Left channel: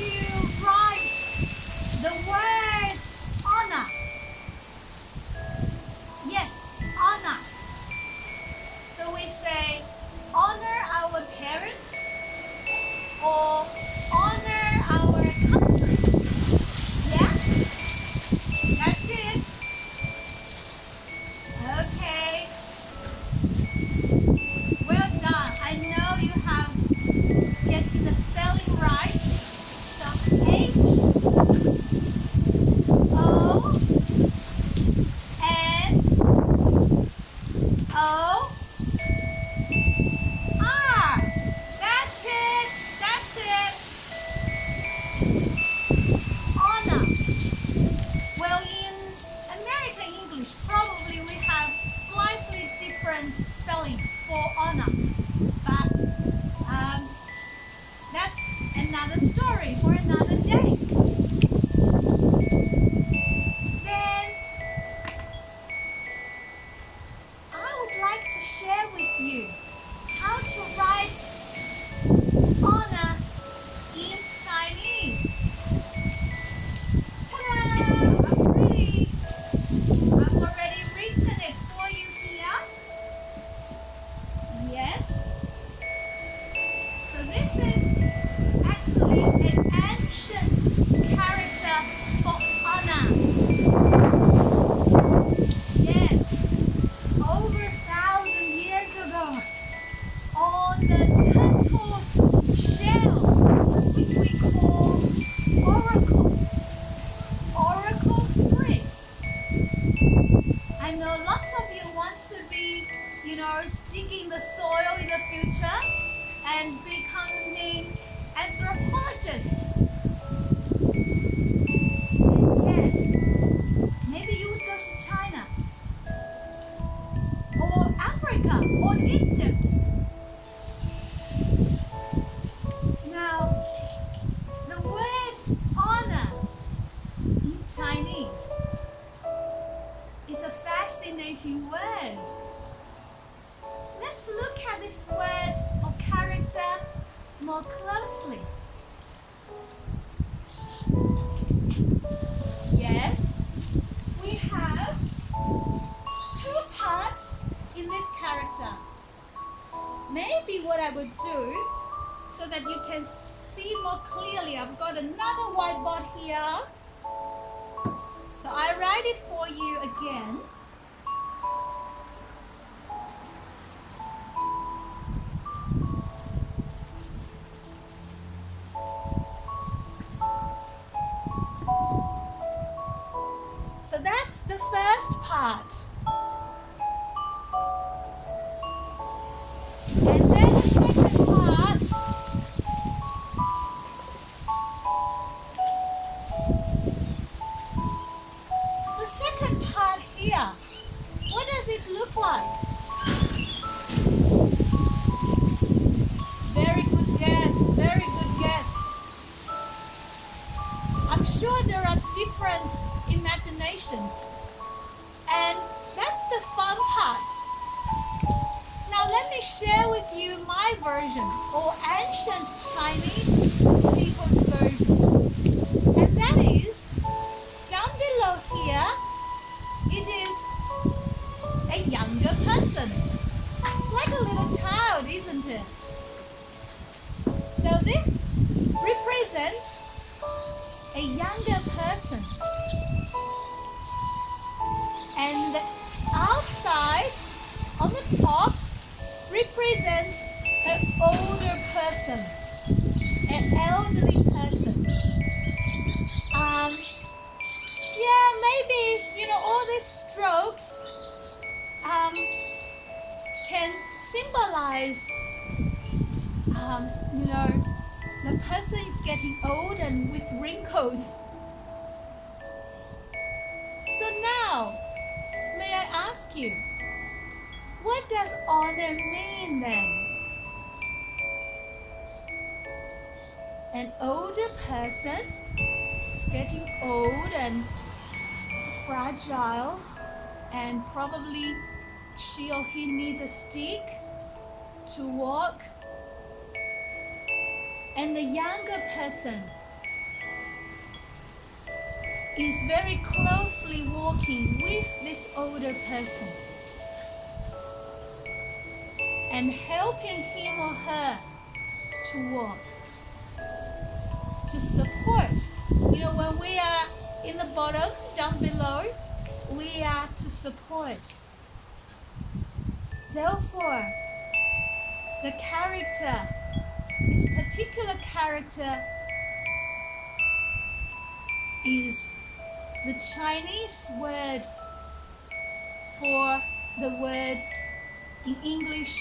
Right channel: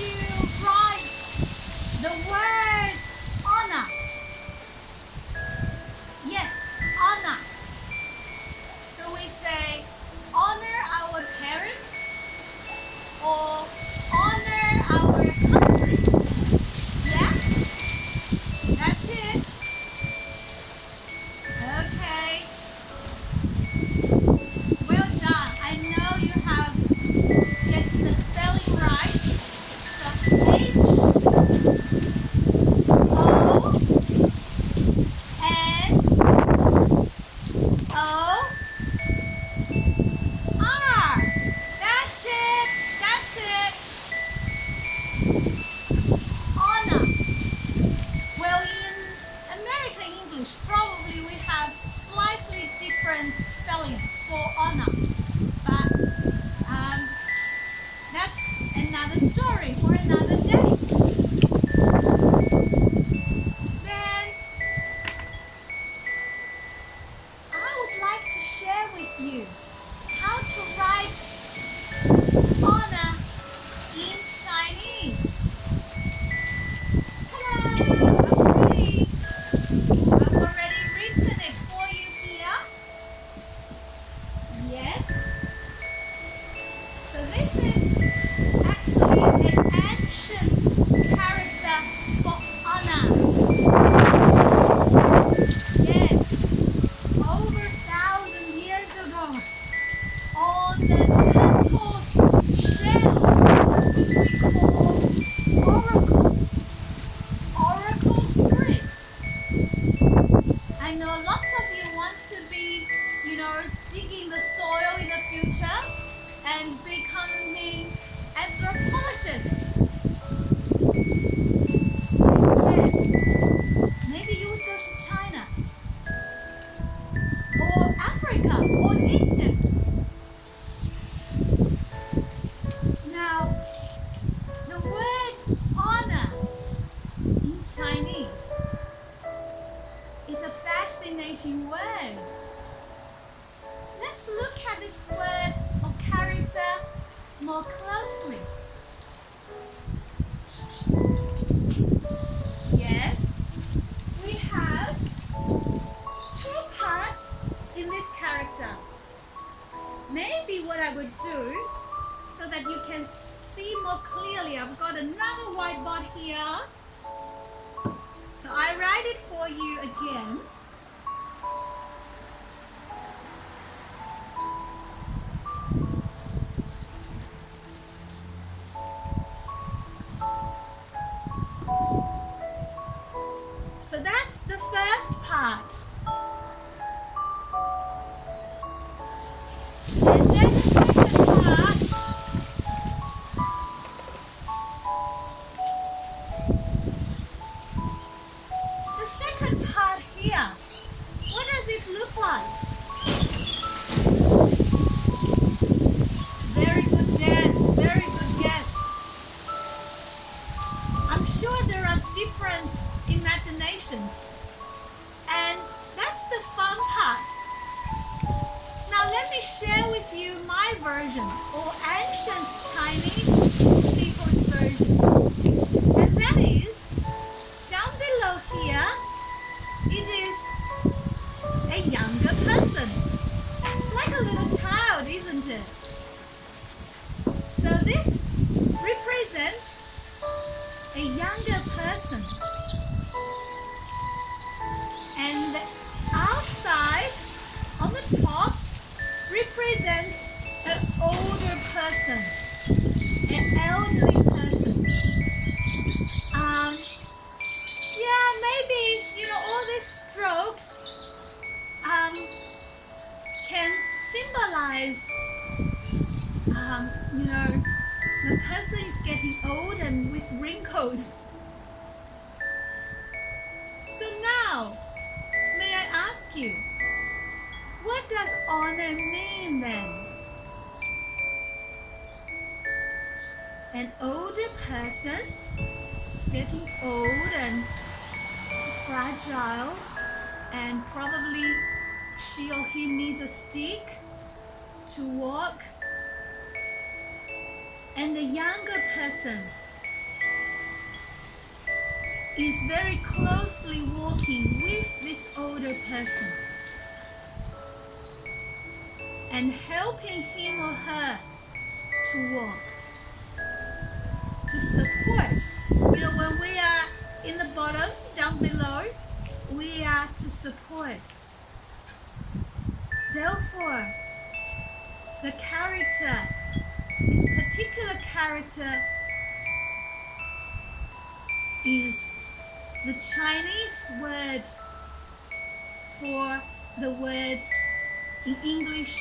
you write the word honor? Yes, honor. So we say honor our parents or honor our country. Yeah? That's it. Okay. Well done. I know you have getting the spelling right. So H O N O R. That's it. That's it. Honor. Well, in American English, probably we have slightly different spelling for honor. But that's another story for another day. Then I would like to share with you how to write honor in Chinese. Ta-da! I'm ready. I've already written it for you here. Yes. So this is actually an ancient character for honor. Yes, over 1,000 years ago, on the turtle's shell, which we call oracle script. I know lots of you want to be, digging the soil in the future and becoming anthropologists. Yes, maybe you would go to China or Africa or Egypt. Now, the word honor in Chinese is a fascinating word. Let's look at this word or character more closely. Yes, we have two parts in this character. Maybe what I would do so that you can see more clearly, I've got another whiteboard here. So I write it for you again. So that's the first part. And then the second part. The second part here. What does it look like? Very good guess. Very good guess. I'm sure there are different imaginations, and that's the fun part. Now let me share with you my version, or ancient Chinese people's version, and that is down below here. It is a younger person. It's like a little child, isn't it? So this represents a younger person. And the outside, on the top, represents an older person, an elderly person. Maybe, all these strokes can symbolize, the person is getting old and with wrinkles. So now, may I ask you, what does honor mean then? An older person is getting old and fragile, and probably she or he needs a stick to walk. And the younger person is very closely walking with this older person and helping him or her to walk, to support. You know, when we are in the bottom, down below, we are to support. Therefore, the character, this particular character, is the Chinese word for the word in English,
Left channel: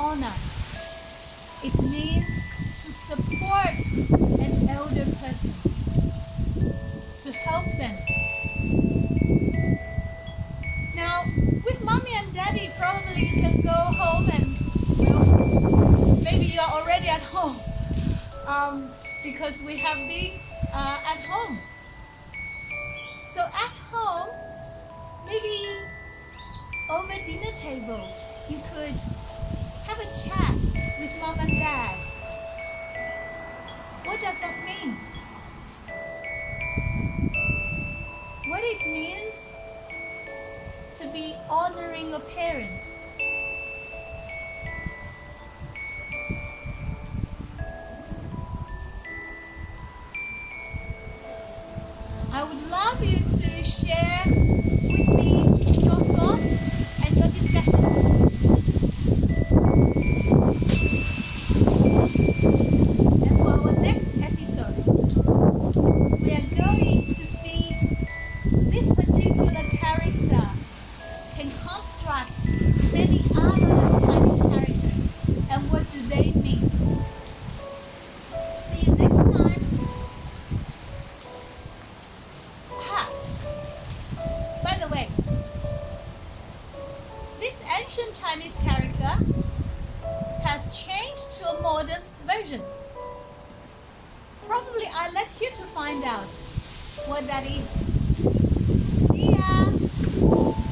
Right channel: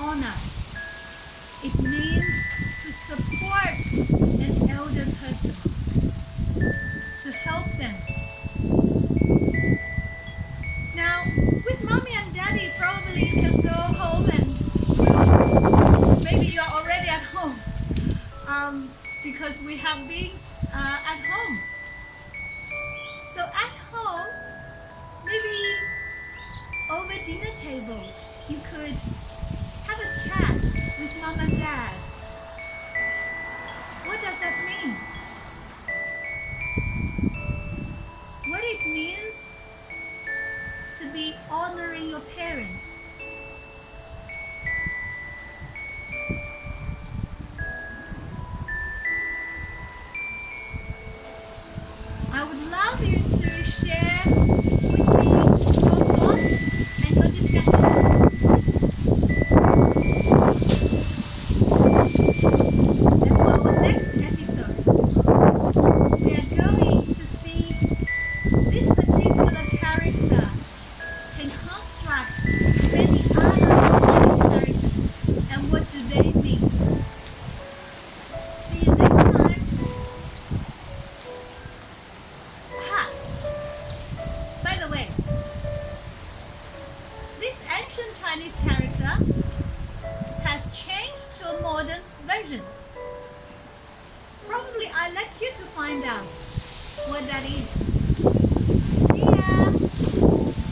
honor. It means to support an elder person, to help them. Now, with mommy and daddy, probably you can go home and maybe you're already at home because we have been at home. So at home, maybe over dinner table, you could have a chat with mom and dad. What does that mean? What it means to be honoring your parents. I would love you to share with me your thoughts and your discussions. And for our next episode, we are going to see this particular character can construct many other characters and what do they mean. See you next time. By the way, this ancient Chinese character has changed to a modern version. Probably I'll let you to find out what that is.